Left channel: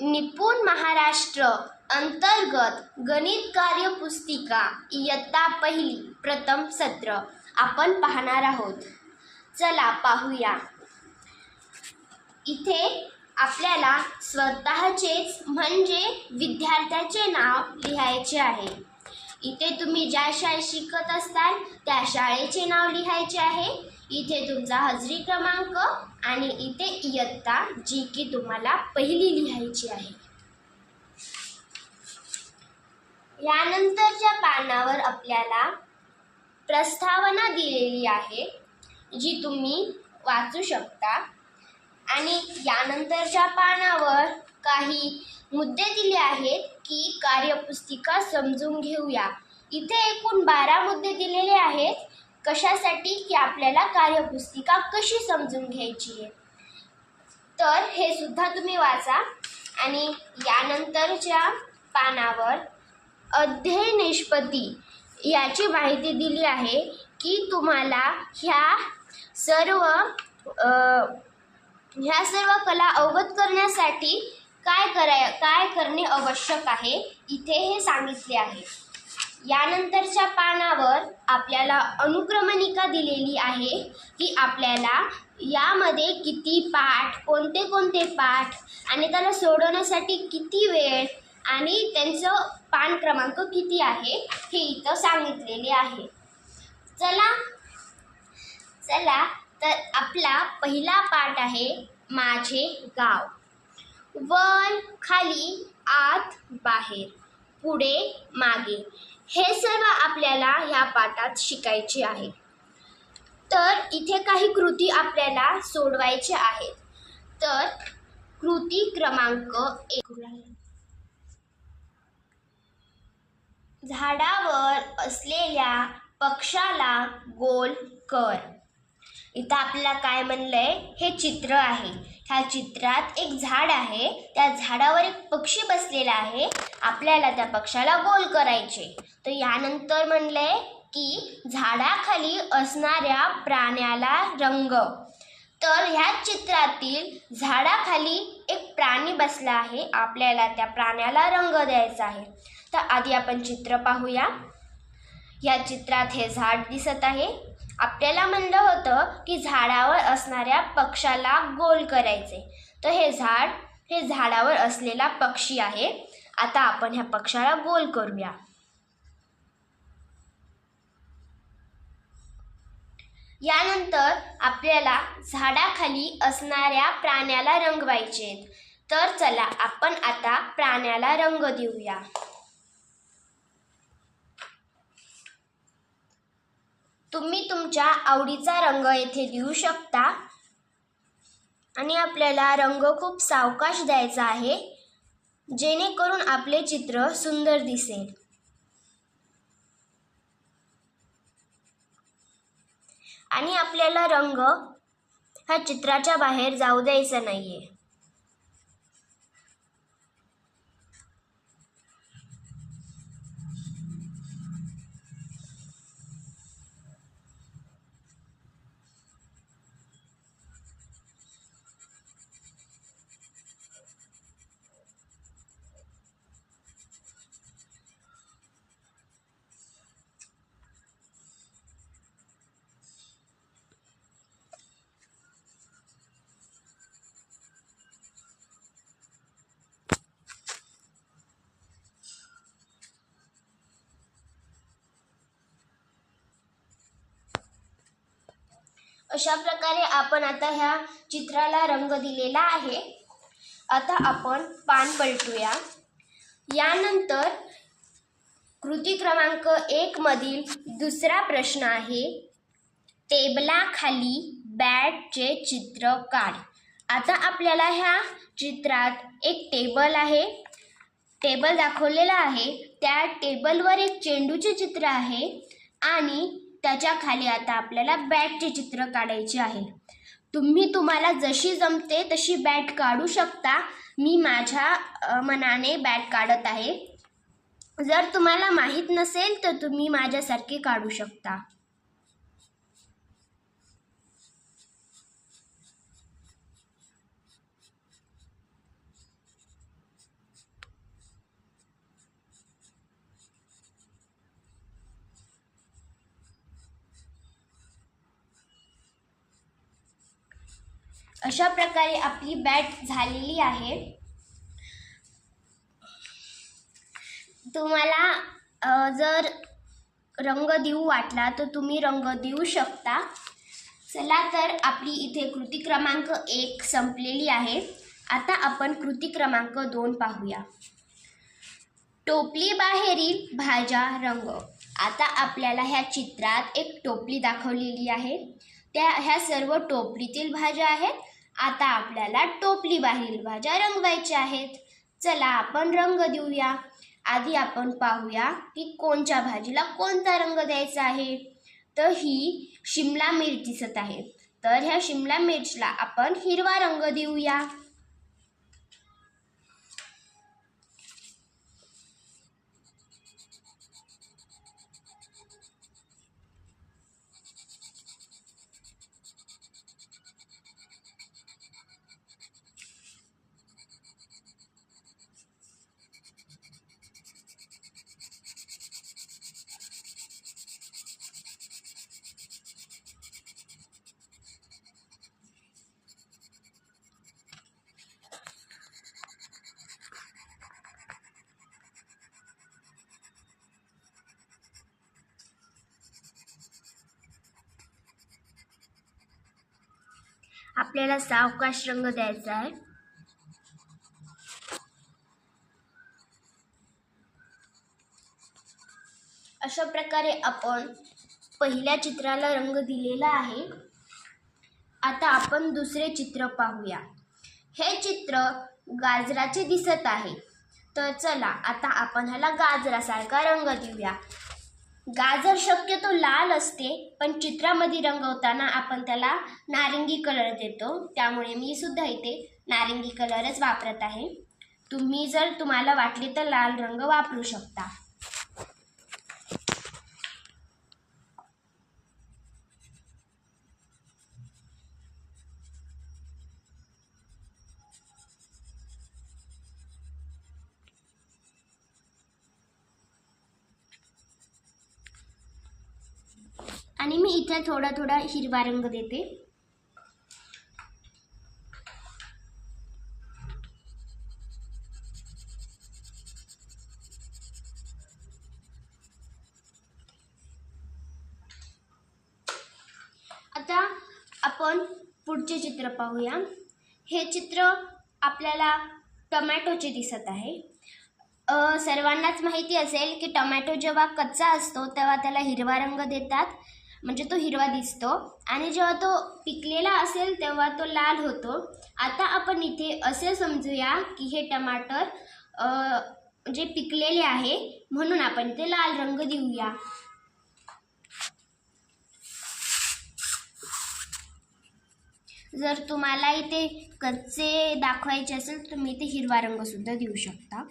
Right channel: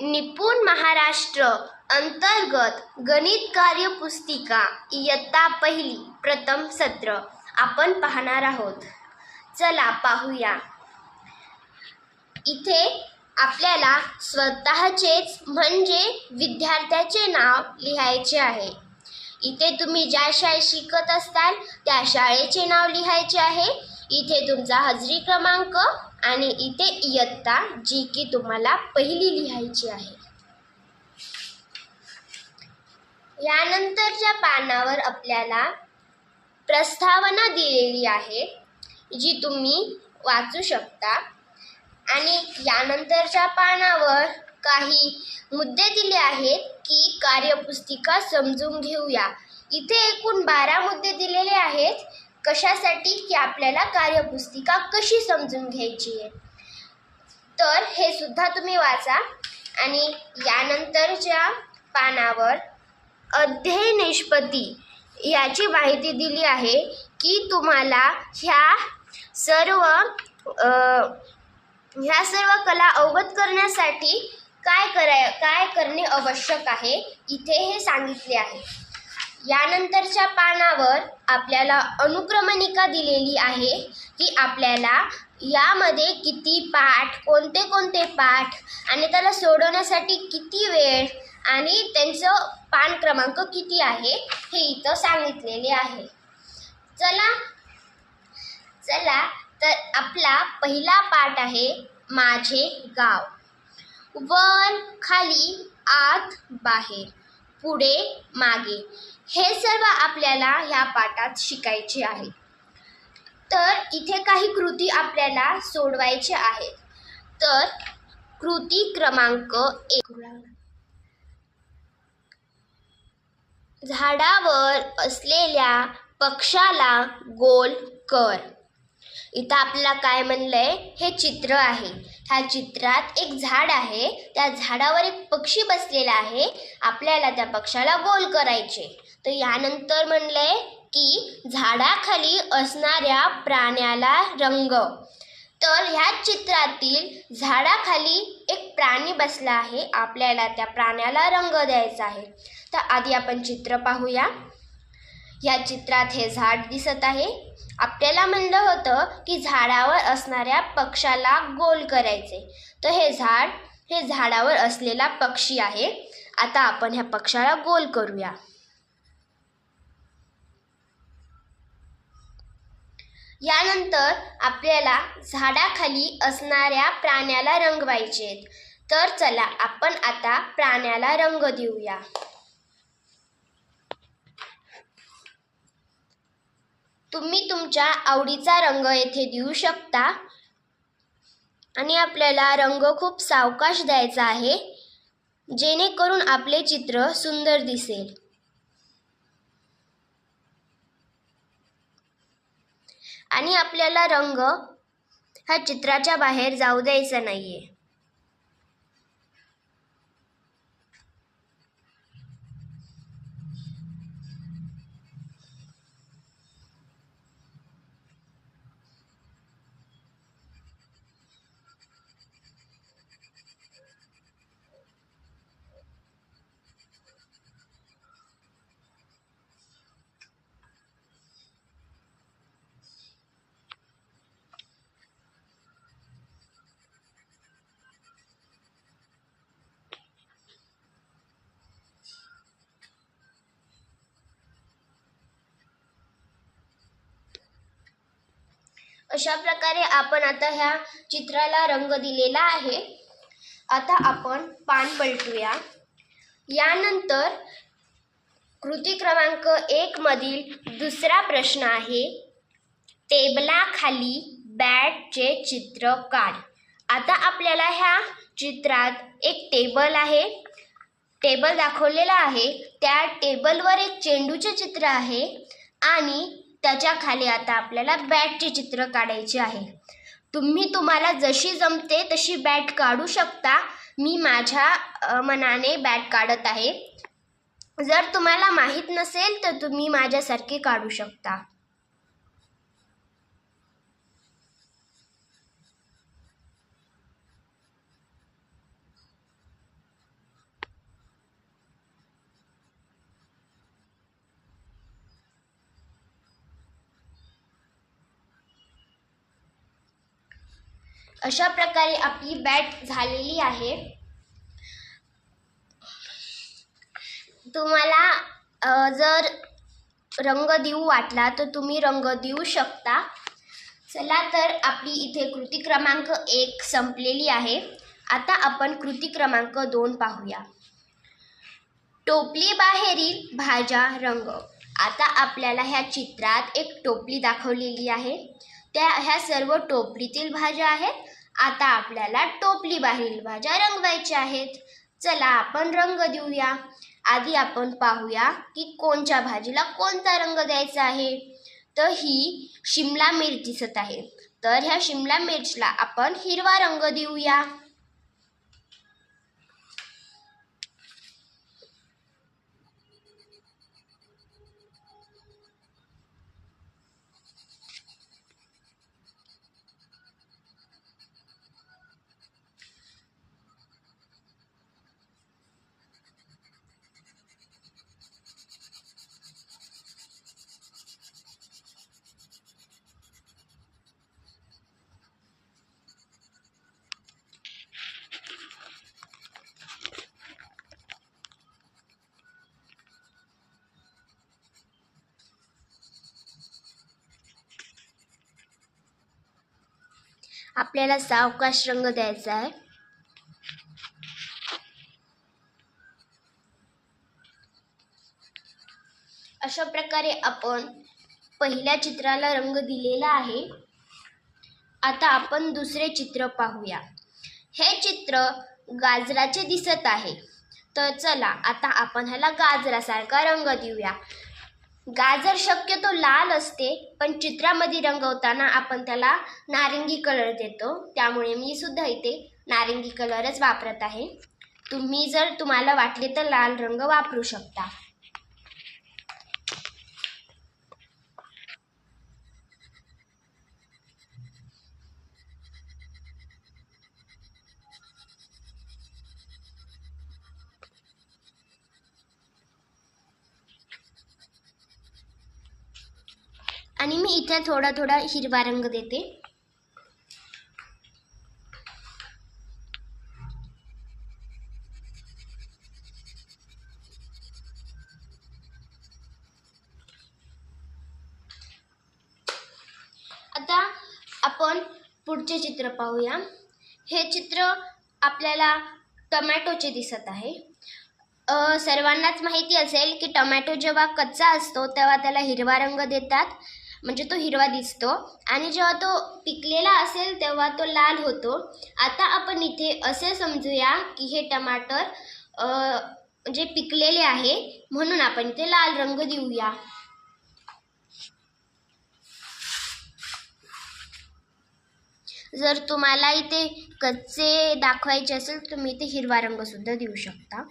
निपुण महाराष्ट्र अंतर्गत गणित कार्यपुस्तिका इयत्ता पहिली प्रथम सत्र आपण पाहणार आहोत. चला पाहूया. इथे आपल्याला स्वतःचेच म्हणजे विद्यार्थ्याचे नाव लिहायचे आहे. इथे तुम्ही ज्या शाळेत शिकत असताल त्या शाळेचे नाव लिहायचे आहे. इथे तुमचा हजरी क्रमांक आणि इथे इयत्ता जी की तुम्हाला पहिली लिहायची आहे. यानंतरच्या पानावर आपल्याला प्रस्तावना दिलेली आहे जी तुम्ही वाचू शकता आणि यानंतरच्या पानावर काही मुद्दे दिले आहेत की कार्यपुस्तिका समजून घेऊया. इथे एकूण 12 मुद्दे दिलेले आहेत. कशासाठी की आपल्याला कार्यपुस्तिका कशी समजून घ्यायची आहे. तर हे सुद्धा तुम्ही वाचा. आणि यानंतरच्या पानावर अध्यय निष्पत्ती याची माहिती दिली आहे की तुम्हाला ह्या सर्व कला अवगत करण्यासाठी काय करणे आवश्यक आहे इथे हे सांगितले आहे. यानंतरच्या पानावर आपल्याला अनुक्रमणिका दिलेली आहे की आपल्याला यामध्ये किती पाठ, कोणते पाठ आणि त्याला सोडवण्यासाठी किती वेळ आणि त्यांचं पान क्रमांक किती आहे हे इथं सांगितलेले आहे. चला तर आपला पहिला पाठ आहे माझे गाव. वर, खाली, आत, बाहेर, पुढे, मागे हे सर्व आपल्याला ह्या पाठात शिकायचे आहे. तर इथे काही कृती आपल्याला सोडवायच्या आहेत. तर कृती क्रमांक 1, झाडावर असलेल्या पक्षाला गोल कर. इथं आपल्याला काय म्हणलंय, हे चित्र आहे. ह्या चित्रात एक झाड आहे. त्या झाडावर एक पक्षी बसलेला आहे. आपल्याला त्या पक्षाला गोल करायचे. तर यानंतर म्हणलंय की झाडाखाली असणाऱ्या प्राण्याला रंग. तर ह्या चित्रातील झाडाखाली एक प्राणी बसला आहे. आपल्याला त्या प्राण्याला रंग द्यायचा आहे. तर आधी आपण चित्र पाहूया. या चित्रात हे झाड दिसत आहे. आपल्याला म्हणलं होतं की झाडावर असणाऱ्या पक्षाला गोल करायचे. तर हे झाडावर असलेला पक्षी आहे. आता आपण ह्या पक्षाला गोल करूया. यानंतर आपल्याला झाडाखाली असणाऱ्या प्राण्याला रंगवायचे. तर चला आपण आता प्राण्याला रंग देऊया. तुम्ही तुमच्या आवडीचा रंग येथे देऊ शकता आणि आपल्याला रंग खूप सावकाश द्यायचा आहे जेणेकरून आपले चित्र सुंदर दिसेल. आणि आपल्याला रंग ह्या चित्राच्या बाहेर जाऊ द्यायचा नाहीये. अशा प्रकारे आपण आता ह्या चित्राला रंग दिलेला आहे. आता आपण पान पलटूया. यानंतर कृती क्रमांक 1 मधील दुसरा प्रश्न आहे, टेबलाखाली बॅटचे चित्र काढ. आता आपल्याला ह्या चित्रात एक टेबल आहे. टेबल दाखवलेला आहे. त्या टेबलवर एक चेंडूचे चित्र आहे आणि त्याच्या खाली आता आपल्याला बॅटचे चित्र काढायचे आहे. तुम्हाला जशी जमते तशी बॅट काढू शकता. मी माझ्या मनाने बॅट काढत आहे. जर तुम्हाला माहीत नसेल तर तुम्ही माझ्यासारखे काढू शकता. अशा प्रकारे आपली बॅट झालेली आहे. तुम्हाला जर रंग देऊ वाटला तर तुम्ही रंग देऊ शकता. चला तर आपली इथे कृती क्रमांक 1 संपलेली आहे. आता आपण कृती क्रमांक 2 पाहूया. टोपली बाहेरील भाज्या रंग. आता आपल्याला ह्या चित्रात एक टोपली दाखवलेली आहे. ह्या सर्व टोपलीतील भाज्या आहेत. आता आपल्याला टोपली बाहेरील भाज्या रंगवायच्या आहेत. चला आपण रंग देऊया. आधी आपण पाहूया की कोणत्या भाजीला कोणता रंग द्यायचा आहे. तर ही शिमला मिरच दिसत आहे. तर ह्या शिमला मिरचला आपण हिरवा रंग देऊया. आपल्याला सावकाश रंग द्यायचा आहे. अशा प्रकारे आपण पहिल्या चित्राला रंग दिलेला आहे. आता आपण दुसरे चित्र पाहूया. हे चित्र गाजराचे दिसत आहे. तर चला आता आपण ह्याला गाजरासारखा रंग देऊया. गाजर शक्यतो लाल असते, पण चित्रामध्ये रंगवताना आपण त्याला नारिंगी कलर देतो. त्यामुळे मी सुद्धा इथे नारिंगी कलरच वापरत आहे. तुम्ही जर तुम्हाला वाटले तर लाल रंग वापरू शकता. आणि मी इथे थोडा थोडा हिरवा रंग देते. आता आपण पुढचे चित्र पाहूया. हे चित्र आपल्याला टोमॅटोचे दिसत आहे. सर्वांनाच माहिती असेल की टोमॅटो जेव्हा कच्चा असतो तेव्हा त्याला हिरवा रंग देतात, म्हणजे तो हिरवा दिसतो. आणि जेव्हा तो पिकलेला असेल तेव्हा तो लाल होतो. आता आपण इथे असे समजूया की हे टमाटर म्हणजे पिकलेले आहे, म्हणून आपण इथे लाल रंग देऊया. जर तुम्हाला इथे कच्चे दाखवायचे असेल तर तुम्ही इथे हिरवा रंग सुद्धा देऊ शकता.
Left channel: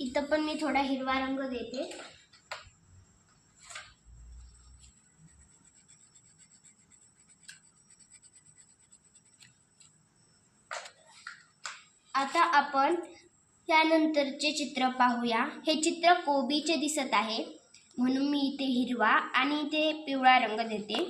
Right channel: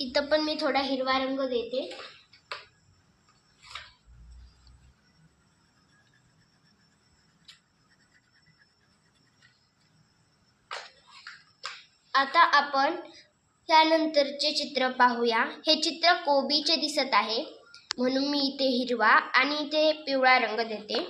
इथं पण मी थोडा हिरवा रंग देते. आता आपण त्यानंतरचे चित्र पाहूया. हे चित्र कोबीचे दिसत आहे, म्हणून मी इथे हिरवा आणि इथे पिवळा रंग देते.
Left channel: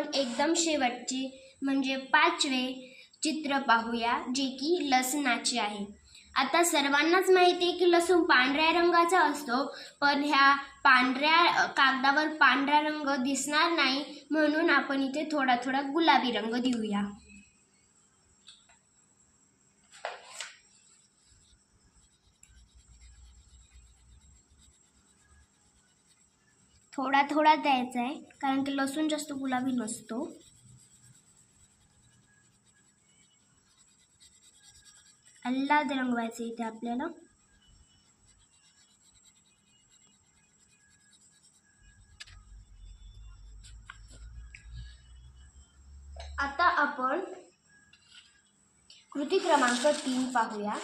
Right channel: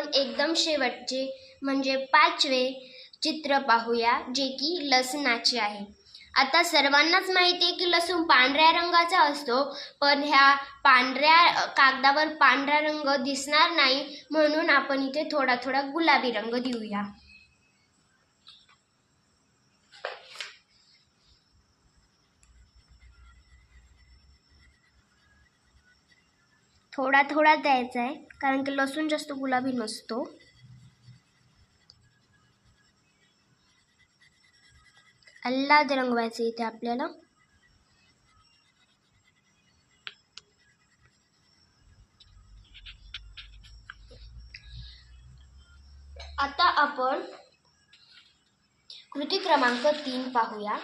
आपण एकदम शेवटचे म्हणजे 5वे चित्र पाहूया, जे की लसणाचे आहे. आता सर्वांनाच माहिती आहे की लसूण पांढऱ्या रंगाचा असतो, पण ह्या पांढऱ्या कागदावर पांढरा रंग दिसणार नाही, म्हणून आपण इथे थोडा थोडा गुलाबी रंग देऊया. थोडा थोडा द्यायचा आहे, कारण की लसूण जास्त गुलाबी नसतो. आल्हाद रंगवायचे इथे आपल्याला. आता आपण कृती क्रमांक 3 पाहूया.